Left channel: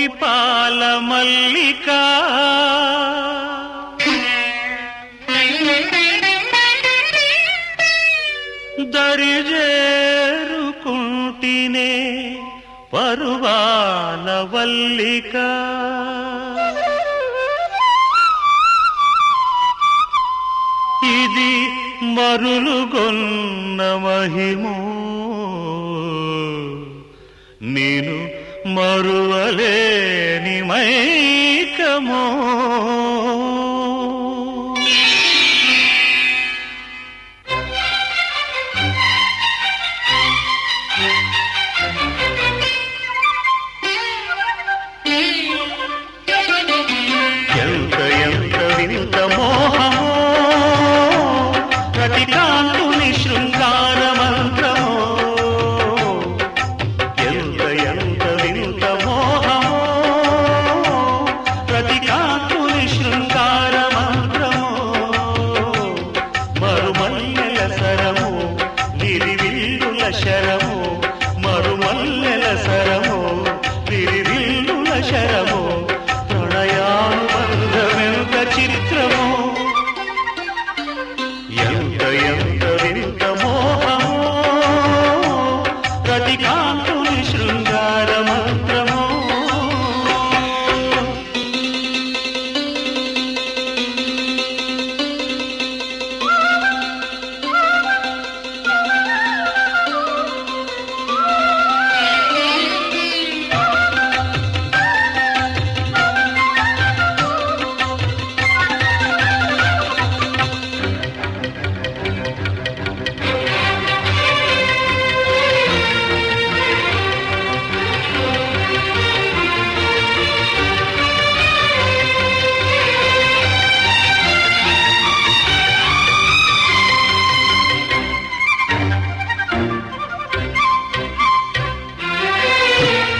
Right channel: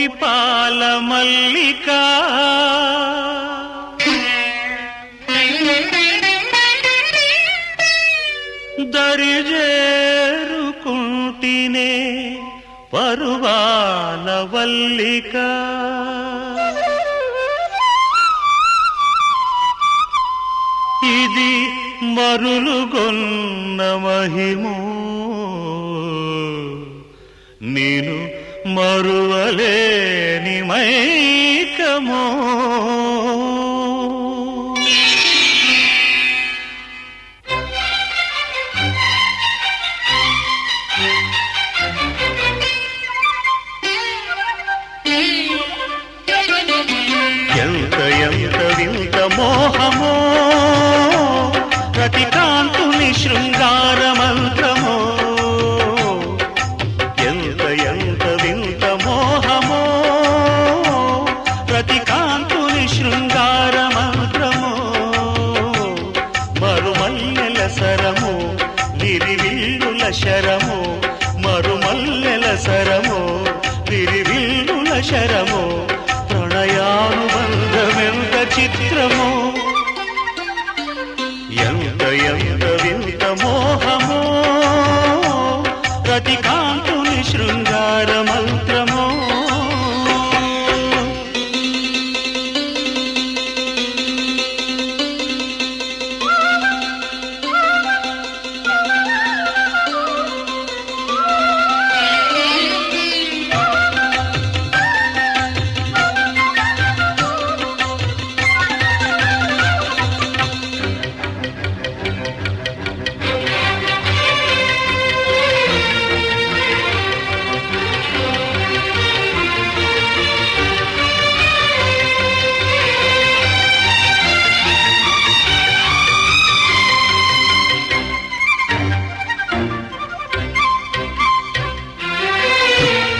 మురిపాల మల్లిక దరిజేరుకుంటినే పరువాల వల్లిక ఇది మరులుగొన్న మహిమో నేను మరువలేని మైకమో ఎంత ఎంత వింత మోహమో ప్రతి కాంతుని శృంగార మంత్రమో ఎంత ఎంత వింత మోహమో ప్రతి కాంతుని శృంగార మంత్రమో మరుమల్లెల సరమో విరివిల్లుల శరమో మరుమల్లెల సరమో విరివిల్లుల శరమో ప్రణయానుబంధమెంత చిత్రమో ఎంత ఎంత వింత మోహమో ప్రతి కాంతుని శృంగార మంత్రమో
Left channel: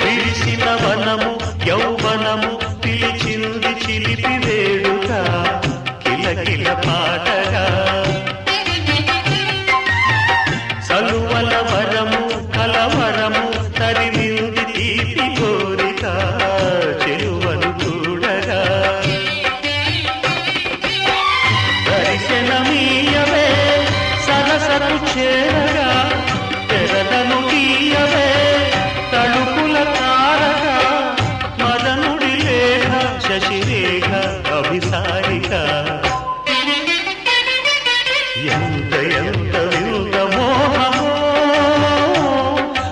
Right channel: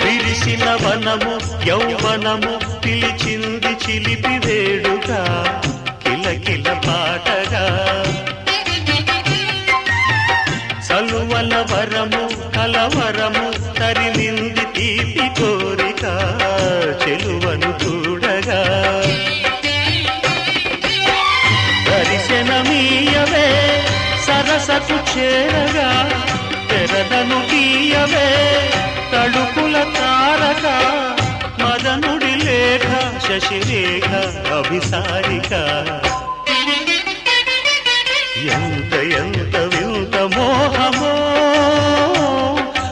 విరిసిన వనము యౌవనము పిలిచింది చిలిపి వేడుక కిలకిల పాటగా సలువల వరము కలవరము తరిమింది తీపి కోరిక చెలువను చూడగా దర్శనమీయవే సరసకు చేరగా తెరదను తీయవే తడుపుల తారక మదనుడి లేఖ శశిరేఖ అభిసారిక ఎంత ఎంత వింత మోహమో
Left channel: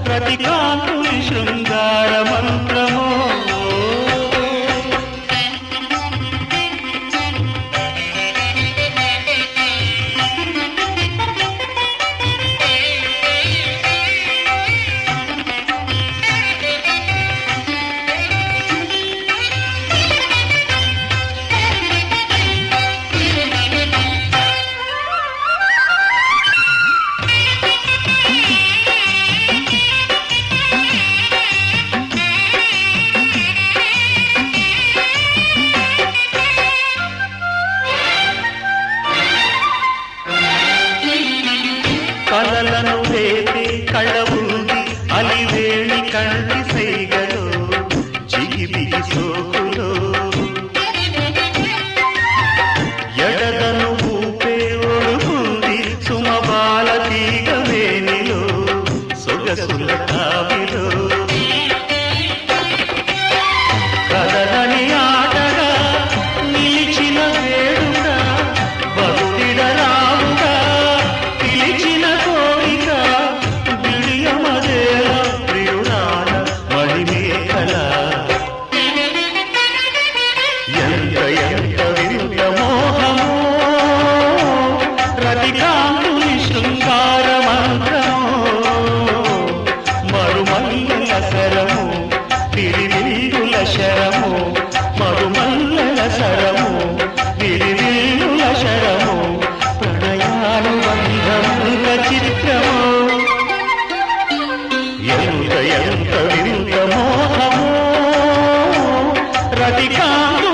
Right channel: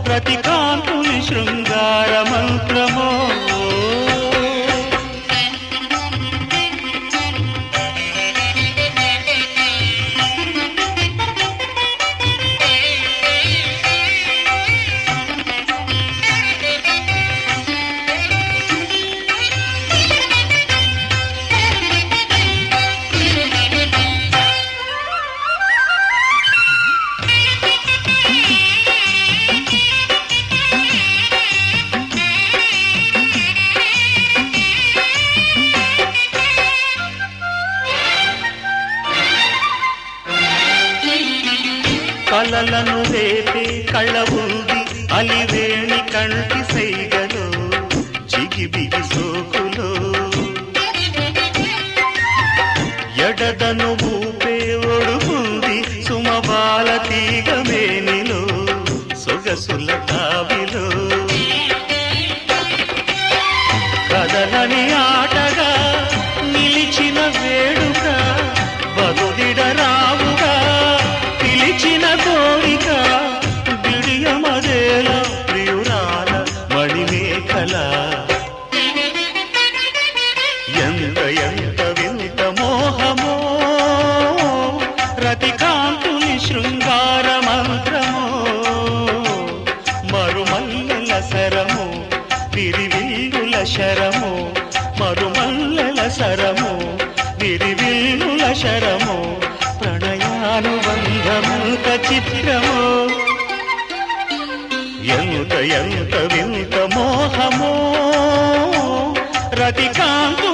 ప్రతి కాంతుని శృంగార మంత్రమో కలలను రేపే కళ్ళ ఉంది అలివేణి కంటి సైగలు చిగిబిగి సోకులు ఎడదను ఊపే ఒడుగుంది సుమబాల తీగ వేణిలో సొగసుల కావిలో కదలని ఆటగా నిలిచిన వేడుక బరుడిడరావుగా పిలిచిన కోరిక బిడియమదే ప్రియురాల మణిమేఖల ఎంత ఎంత వింత మోహమో ప్రతి కాంతుని శృంగార మంత్రమో మరుమల్లెల సరము విరివిల్లుల శరము మరుమల్లెల సరము విరివిల్లుల శరము ప్రణయానుబంధముక చిత్రమో ఎంత ఎంత వింత మోహమో ప్రతి కాంతు